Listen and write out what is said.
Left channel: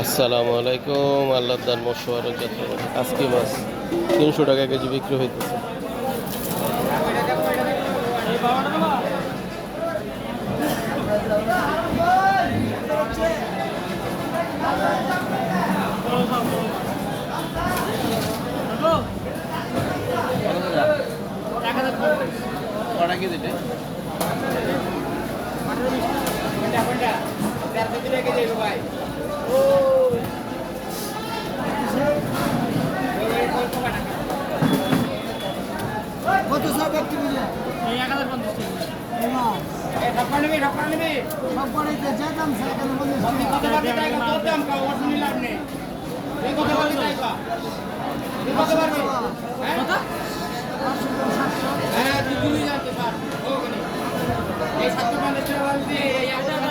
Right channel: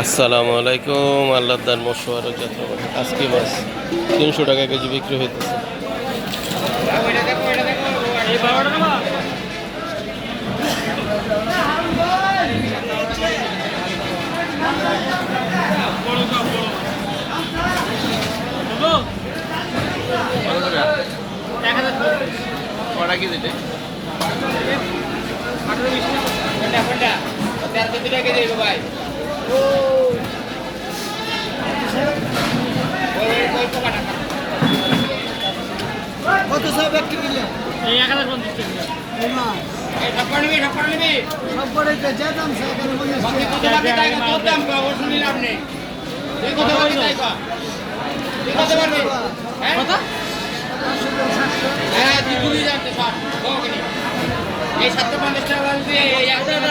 আসসালামু আলাইকুম। আল্লাহদার মশওয়ারক যাত্রাবাড়ি আজকে মাছ 300 টাকা কেজি বিক্রি হইতেছে। কত সব একটি কিলো এই 1050 টাকা এই ঢাপা নিবি সব করে যে দাম সে এখানে বলে বাকি কত বাকি তাই কত দাম কা ওর শুনি লাভ নেই এই কত বাকি তাই কা এই কত পারবে হ্যাঁ কত হ্যাঁ দিদি যাচ্ছে স্যার ওকে নি এই 750 টাকা বল দিয়ে এই 1 টাকা